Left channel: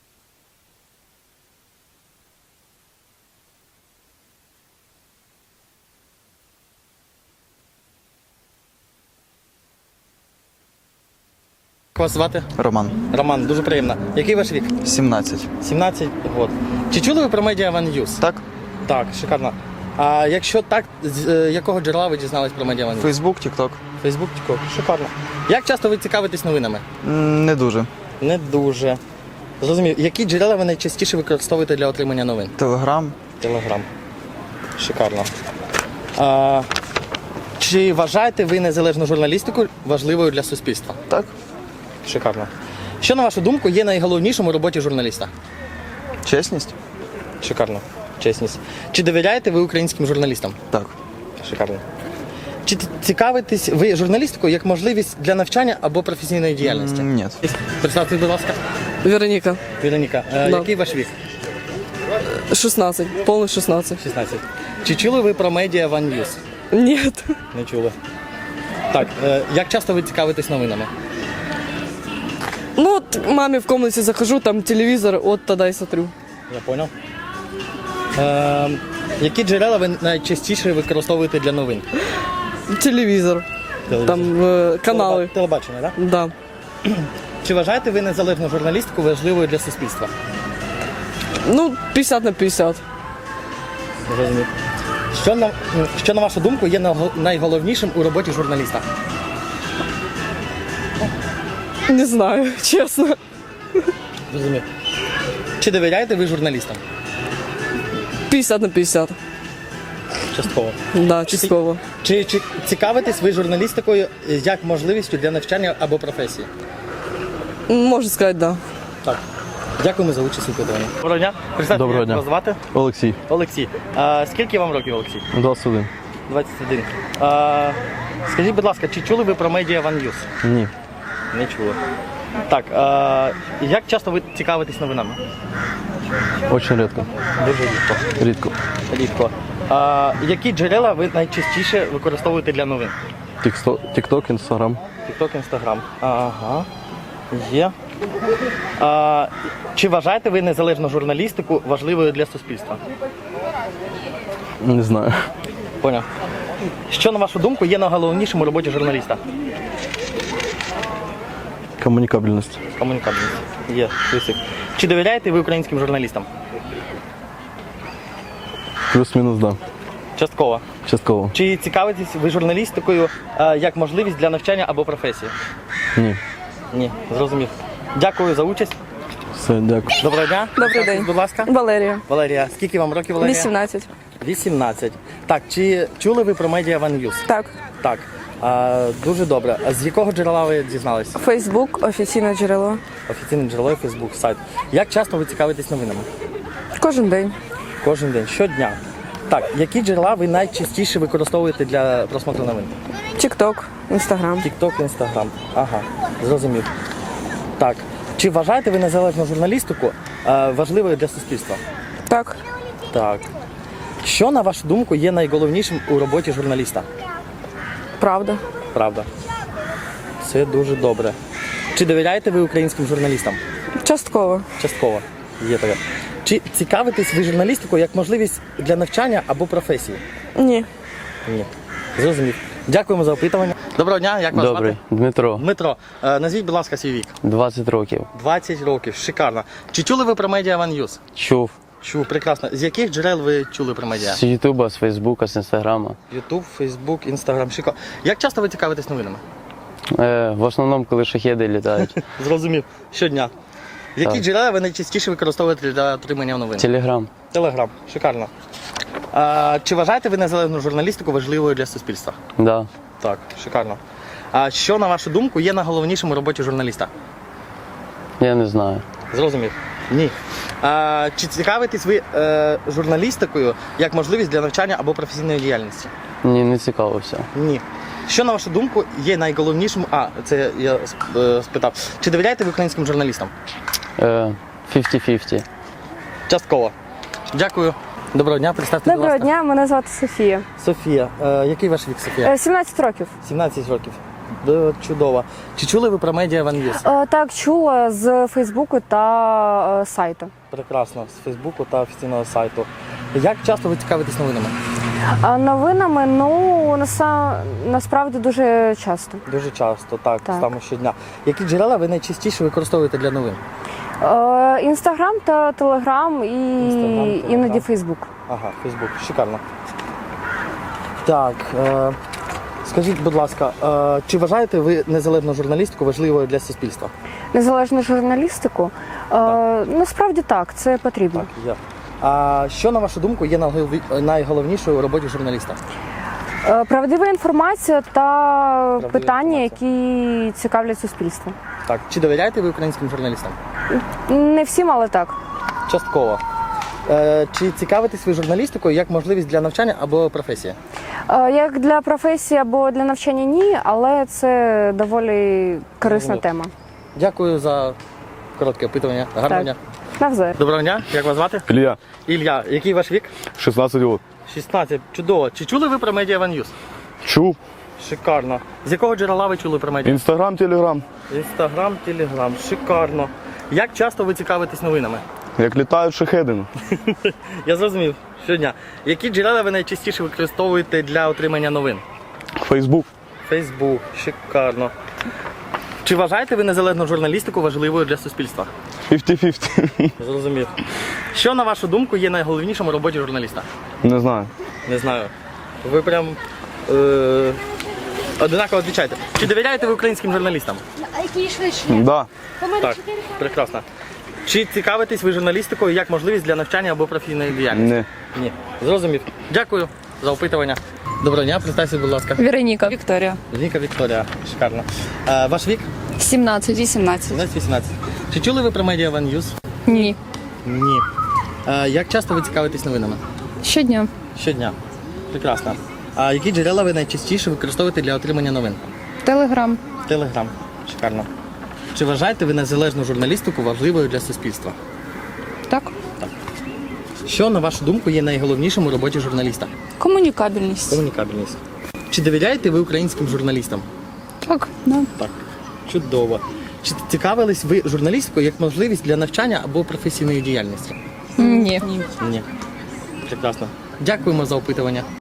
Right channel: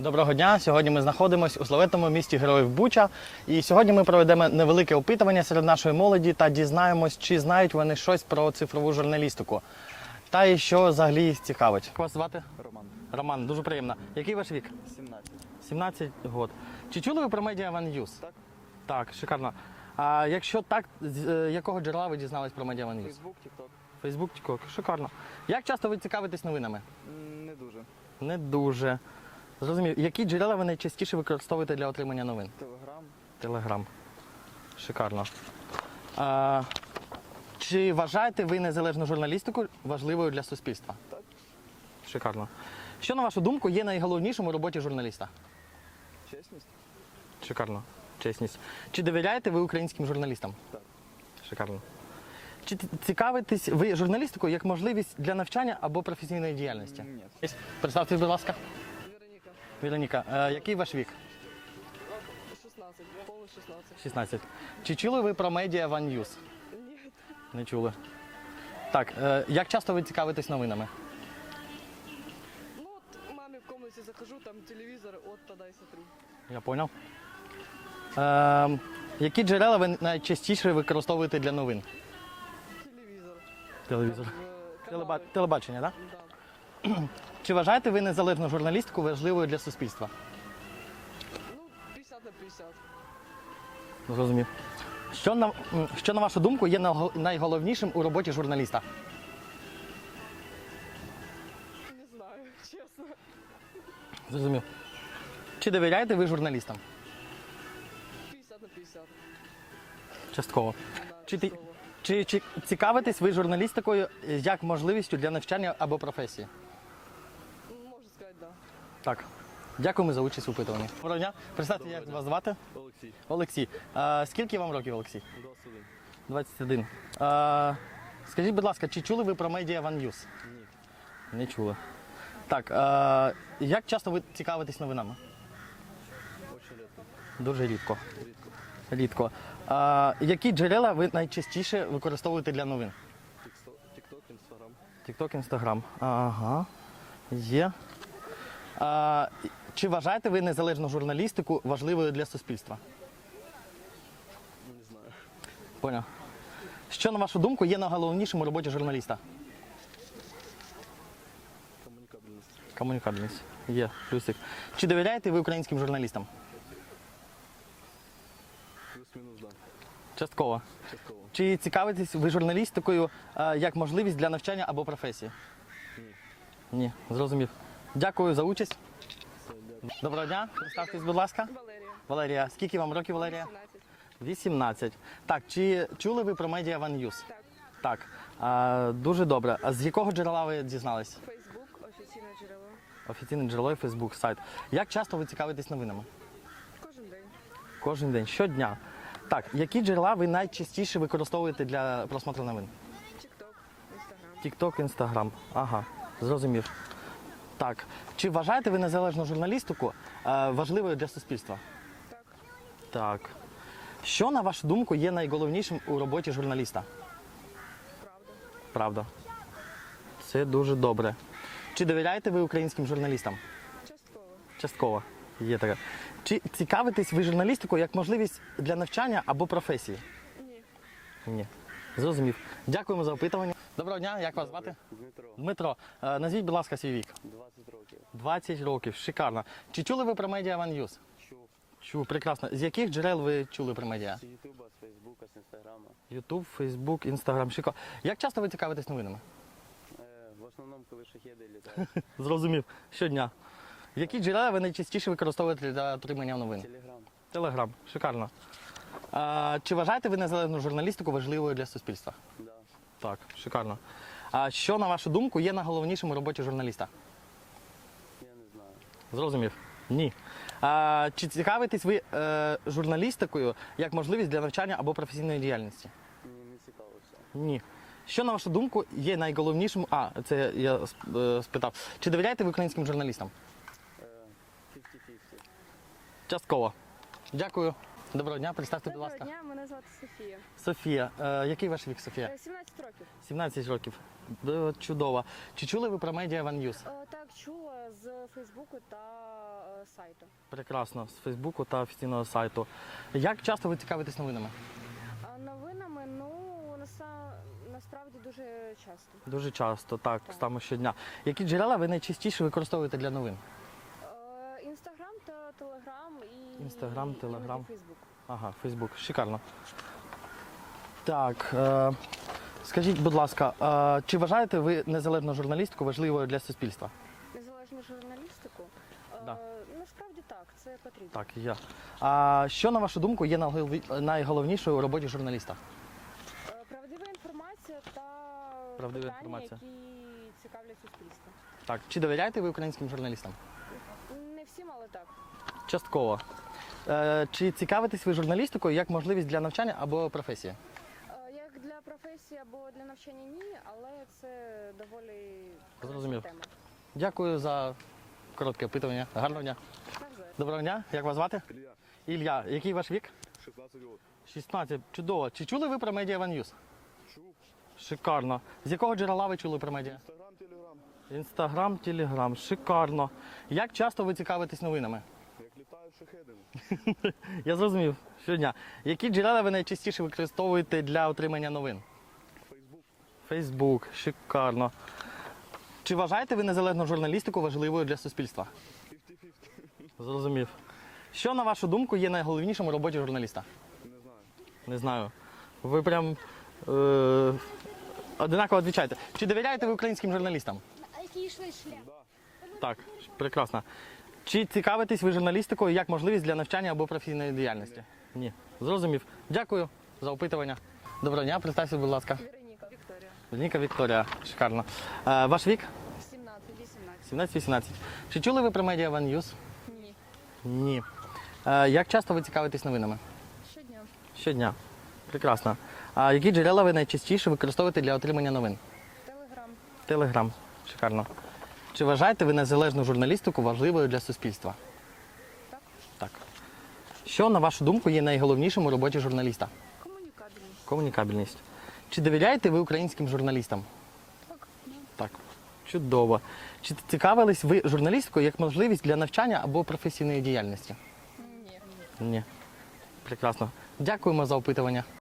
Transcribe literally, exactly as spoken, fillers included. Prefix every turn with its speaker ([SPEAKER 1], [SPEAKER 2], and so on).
[SPEAKER 1] Доброго дня! Сьогодні ми знаходимося у славетному місті Героїв Буча. І сьогодні ми проведемо невелике опитування серед нашої молоді та дізнаємось, чи знають вони щось про цифрову журналістику. Та і що взагалі їх цікавить. Як вас звати?
[SPEAKER 2] Роман.
[SPEAKER 1] Роман, дуже приємно. Який ваш вік?
[SPEAKER 2] сімнадцять.
[SPEAKER 1] сімнадцять років. Чи чули ви про медіа One News?
[SPEAKER 2] Так?
[SPEAKER 1] Так, шикарно. А якщо так, з е, якого джерела ви дізнались про медіа One News?
[SPEAKER 2] Фейсбук, Тікток.
[SPEAKER 1] Фейсбук, Тікток. Шикарно. Як часто ви цікавитесь новинами?
[SPEAKER 2] М, Не дуже.
[SPEAKER 1] Не дуже. Зрозумів. Які джерела ви найчастіше використовуєте для отримання новин?
[SPEAKER 2] Телеграм.
[SPEAKER 1] Телеграм. Шикарно. А, чи вважаєте ви незалежну журналістику важливою для суспільства?
[SPEAKER 2] Так?
[SPEAKER 1] Шикарно. Що, на вашу думку, є найголовнішим у роботі журналіста?
[SPEAKER 2] Чесність?
[SPEAKER 1] Шикарно. Чесність. Чи довіряєте ви українським журналістам?
[SPEAKER 2] Так.
[SPEAKER 1] Шикарно. Чи т- цікавитесь ви журналістикою як можливість для навчання або професійної діяльності?
[SPEAKER 2] М, Ні.
[SPEAKER 1] Представте, будь ласка.
[SPEAKER 3] Вероніка,
[SPEAKER 1] Вероніка, е,
[SPEAKER 3] Да.
[SPEAKER 1] який ваш вік?
[SPEAKER 3] шістнадцять, повних шістнадцять.
[SPEAKER 1] шістнадцять. Чи чули ви про медіа One News?
[SPEAKER 3] Ні.
[SPEAKER 1] Не чули. Так, е, як часто ви цікавитесь новинами?
[SPEAKER 3] Ну, от мамі в комнаті захожу, там телевізор, от тоді й смотрю.
[SPEAKER 1] Я понял. Е, які джерела ви найчастіше використовуєте для новин?
[SPEAKER 3] Телевізор, там е, канали.
[SPEAKER 1] Телеба- Телебачення, так?
[SPEAKER 3] Да.
[SPEAKER 1] Чи вважаєте ви незалежну журналістику важливою для суспільства?
[SPEAKER 3] Ну, п'ятдесят на п'ятдесят.
[SPEAKER 1] Зрозумів. Що на, що, на вашу думку, є наго- найголовнішим у роботі журналіста?
[SPEAKER 3] Не знаю, чесно.
[SPEAKER 1] Зрозумів. Чи довіряєте ви журналістам?
[SPEAKER 3] п'ятдесят на п'ятдесят.
[SPEAKER 1] Частково.
[SPEAKER 3] Да, частково.
[SPEAKER 1] Чи, чи цікавитесь ви журналістикою як можливістю для навчання або професії?
[SPEAKER 3] Можна сказати, да.
[SPEAKER 1] Так. Дякуємо за участь у опитуванні. Доброго дня. Представте,
[SPEAKER 4] Доброго
[SPEAKER 1] як
[SPEAKER 4] дня.
[SPEAKER 1] вас звати?
[SPEAKER 4] Олексій,
[SPEAKER 1] Олексій. А, скільки вам років, Олексій?
[SPEAKER 4] двадцять один.
[SPEAKER 1] двадцять один. А, скажіть, будь ласка, чи чули ви про медіа One News?
[SPEAKER 4] Ні.
[SPEAKER 1] Не чули. Так, а, як часто ви цікавитесь новинами?
[SPEAKER 4] Очень рідко.
[SPEAKER 1] Дуже рідко.
[SPEAKER 4] Рідко.
[SPEAKER 1] Рідко. А, які джерела ви найчастіше використовуєте для новин?
[SPEAKER 4] Тікток, Інстаграм.
[SPEAKER 1] Тікток, Інстаграм. Ага. Є. А, чи вважаєте ви незалежну журналістику важливою для суспільства?
[SPEAKER 4] Не знаю.
[SPEAKER 1] Поняв. Що, на вашу думку, є найголовнішим у роботі журналіста?
[SPEAKER 4] Комунікабельність.
[SPEAKER 1] Комунікабельність. Є. Плюсик. Чи довіряєте ви українським журналістам?
[SPEAKER 4] Плюс-мінус, да.
[SPEAKER 1] Частково.
[SPEAKER 4] Частково.
[SPEAKER 1] Чи цікавитесь ви журналістикою а, як можливість для навчання або професії?
[SPEAKER 4] Ні.
[SPEAKER 1] Ні, зрозумів. Дякую за участь.
[SPEAKER 4] Все, дякую.
[SPEAKER 1] Доброго дня.
[SPEAKER 3] Добрий
[SPEAKER 1] Представтесь,
[SPEAKER 3] день.
[SPEAKER 1] Будь ласка.
[SPEAKER 3] Валерія,
[SPEAKER 1] Валерія, скільки вам років, Валерія?
[SPEAKER 3] вісімнадцять.
[SPEAKER 1] вісімнадцять. Так, чи чули ви про медіа One News?
[SPEAKER 3] Так.
[SPEAKER 1] Так. А, дуже добре. А з якого джерела ви дізналися?
[SPEAKER 3] Фейсбук, офіційне джерело.
[SPEAKER 1] Офіційне джерело, Facebook, сайт. Як часто ви цікавитесь новинами?
[SPEAKER 3] Кожен день.
[SPEAKER 1] Кожен день, щодня. Так, які джерела ви найчастіше використовуєте для просмотру новин?
[SPEAKER 3] Тікток, Інстаграм.
[SPEAKER 1] Тікток, Інстаграм. Ага, зрозумів. Так. Чи вважаєте ви незалежну журналістику е, важливою для суспільства?
[SPEAKER 3] Так.
[SPEAKER 1] Так. Що, на вашу думку, є найголовнішим у роботі журналіста?
[SPEAKER 3] Правда.
[SPEAKER 1] Правда. Це дуже добре. Чи довіряєте ви українським журналістам?
[SPEAKER 3] Частково.
[SPEAKER 1] Частково. Є таке. Чи цікавитесь ви журналістикою як можливість для навчання або професії?
[SPEAKER 3] Ні.
[SPEAKER 1] Ні. Зрозумів. Дякуємо за опитування. Доброго дня, як вас
[SPEAKER 4] Добрий.
[SPEAKER 1] звати?
[SPEAKER 4] Дмитро,
[SPEAKER 1] Дмитро, е, назвіть, будь ласка, свій вік.
[SPEAKER 4] двадцять років.
[SPEAKER 1] двадцять років, шикарно. Чи чули ви про медіа One News?
[SPEAKER 4] Чув.
[SPEAKER 1] Чув, прекрасно. З яких джерел ви чули про медіа?
[SPEAKER 4] З Ютуба, з Фейсбука, з Інстаграма.
[SPEAKER 1] Ютуб, Фейсбук, Інстаграм, шикарно. Як часто ви цікавитесь новинами?
[SPEAKER 4] Е, в основному, коли шахеди літають.
[SPEAKER 1] Зрозумів. Щодня. Які
[SPEAKER 4] Так.
[SPEAKER 1] джерела ви найчастіше використовуєте для отримання новин?
[SPEAKER 4] Телеграм.
[SPEAKER 1] Телеграм, шикарно. А, чи вважаєте ви незалежну журналістику важливою для суспільства?
[SPEAKER 4] Да.
[SPEAKER 1] Так, шикарно. А що, на вашу думку, є найголовнішим у роботі журналіста?
[SPEAKER 4] Я не знаю.
[SPEAKER 1] Зрозумів. Ні. А, чи цікавитесь ви е, журналістикою як можливість для навчання або професійної діяльності?
[SPEAKER 4] Ні, не цікавився.
[SPEAKER 1] Ні. Що, на вашу думку, є найголовнішим... А, це я е, спитав. Чи довіряєте ви українським журналістам?
[SPEAKER 4] Е, п'ятдесят на п'ятдесят.
[SPEAKER 1] Частково. Дякую. Доброго дня, представте, будь
[SPEAKER 5] Доброго
[SPEAKER 1] ласка.
[SPEAKER 5] дня, мене звати Софія.
[SPEAKER 1] Софія. Е, який ваш вік, Софія?
[SPEAKER 5] Е, сімнадцять років.
[SPEAKER 1] сімнадцять років. Д- Чудово. Чи чули ви про медіа One News?
[SPEAKER 5] Е, Так, чула з Фейсбуку та е, сайту.
[SPEAKER 1] Прекрасно, з Фейсбуку та офіційного сайту. Як часто ви цікавитесь новинами?
[SPEAKER 5] А новинами, ну, наса- насправді дуже часто.
[SPEAKER 1] Дуже часто, так,
[SPEAKER 5] Так.
[SPEAKER 1] саме щодня. Які джерела ви найчастіше використовуєте для новин?
[SPEAKER 5] Е, Інстаграм та Телеграм і
[SPEAKER 1] Інстаграм, Телеграм.
[SPEAKER 5] іноді Фейсбук.
[SPEAKER 1] Ага, Фейсбук, шикарно. Так, е, скажіть, будь ласка, е, чи вважаєте ви незалежну журналістику важливою для суспільства?
[SPEAKER 5] Незалежну журналістику. Е, насправді так, це потрібно.
[SPEAKER 1] Так, є. А що, на вашу думку, є найголові- найголовнішою у роботі журналіста?
[SPEAKER 5] Е, правдива інформація та питання,
[SPEAKER 1] інформація.
[SPEAKER 5] які цікавлять суспільство.
[SPEAKER 1] Так, чи довіряєте ви українським журналістам?
[SPEAKER 5] Не всім, але так.
[SPEAKER 1] Частково. Е, чи цікавитесь ви журналістикою як можливість для навчання або професії?
[SPEAKER 5] Е, Як для професії або для навчання ні, але це доволі корисна
[SPEAKER 1] Зрозумів.
[SPEAKER 5] тема.
[SPEAKER 1] Дякую за коротке опитування. Гарного
[SPEAKER 5] Так.
[SPEAKER 1] дня.
[SPEAKER 5] Навзаєм.
[SPEAKER 1] Доброго дня, як вас звати?
[SPEAKER 6] Илья,
[SPEAKER 1] Ілля, який ваш вік?
[SPEAKER 6] шістнадцять років.
[SPEAKER 1] шістнадцять. Чудово. Чи чули ви про Media One News?
[SPEAKER 6] Чув.
[SPEAKER 1] Шикарно. З якого джерела ви чули про медіа?
[SPEAKER 6] Інстаграм, телеграм.
[SPEAKER 1] Інстаграм, Телеграм. Шикарно. Як часто ви цікавитесь новинами?
[SPEAKER 6] Як літають шахеди.
[SPEAKER 1] Я зрозумів. Щодня. Які джерела ви найчастіше використовуєте для отримання новин?
[SPEAKER 6] Фейсбук.
[SPEAKER 1] Фейсбук. Шикарно. Чи вважаєте ви незалежну журналістику важливою для суспільства?
[SPEAKER 6] п'ятдесят п'ятдесят.
[SPEAKER 1] Зрозумів. Що, на вашу думку, є найголовнішим у роботі журналіста?
[SPEAKER 6] Не знаю.
[SPEAKER 1] Не знаю. Ви прям е- одинаково відповідаєте. Чи довіряєте ви українським журналістам?
[SPEAKER 6] Да.
[SPEAKER 1] Так, прекрасно. Чи цікавитесь ви журналістикою як можливість для навчання або професійної діяльності?
[SPEAKER 6] Не.
[SPEAKER 1] Ні. Зрозумів. Дякую за опитування. Доброго дня, представся, будь ласка.
[SPEAKER 3] Вероніка. Вікторія.
[SPEAKER 1] Віка Вікторія. Шикарно. Е, ваш вік?
[SPEAKER 3] сімнадцять. вісімнадцять.
[SPEAKER 1] сімнадцять-вісімнадцять. Чи чули ви про Media One News?
[SPEAKER 3] Ні.
[SPEAKER 1] Ні. Е, як часто ви цікавитесь новинами?
[SPEAKER 3] Щодня.
[SPEAKER 1] Щодня. Прекрасно. А які джерела ви найчастіше використовуєте для отримання новин?
[SPEAKER 3] Телеграм.
[SPEAKER 1] Телеграм. Шикарно. Чи вважаєте ви незалежну журналістику важливою для суспільства?
[SPEAKER 3] Так.
[SPEAKER 1] Що, на вашу думку, є найголовнішим у роботі журналіста?
[SPEAKER 3] Комунікабельність.
[SPEAKER 1] Комунікабельність. Чи довіряєте ви українським журналістам?
[SPEAKER 3] Так. Да.
[SPEAKER 1] Так. Чудово. Чи цікавились ви журналістикою як можливість для навчання або професійної діяльності?
[SPEAKER 3] Ні.
[SPEAKER 1] Ні. Прекрасно. Дякуємо за опитування.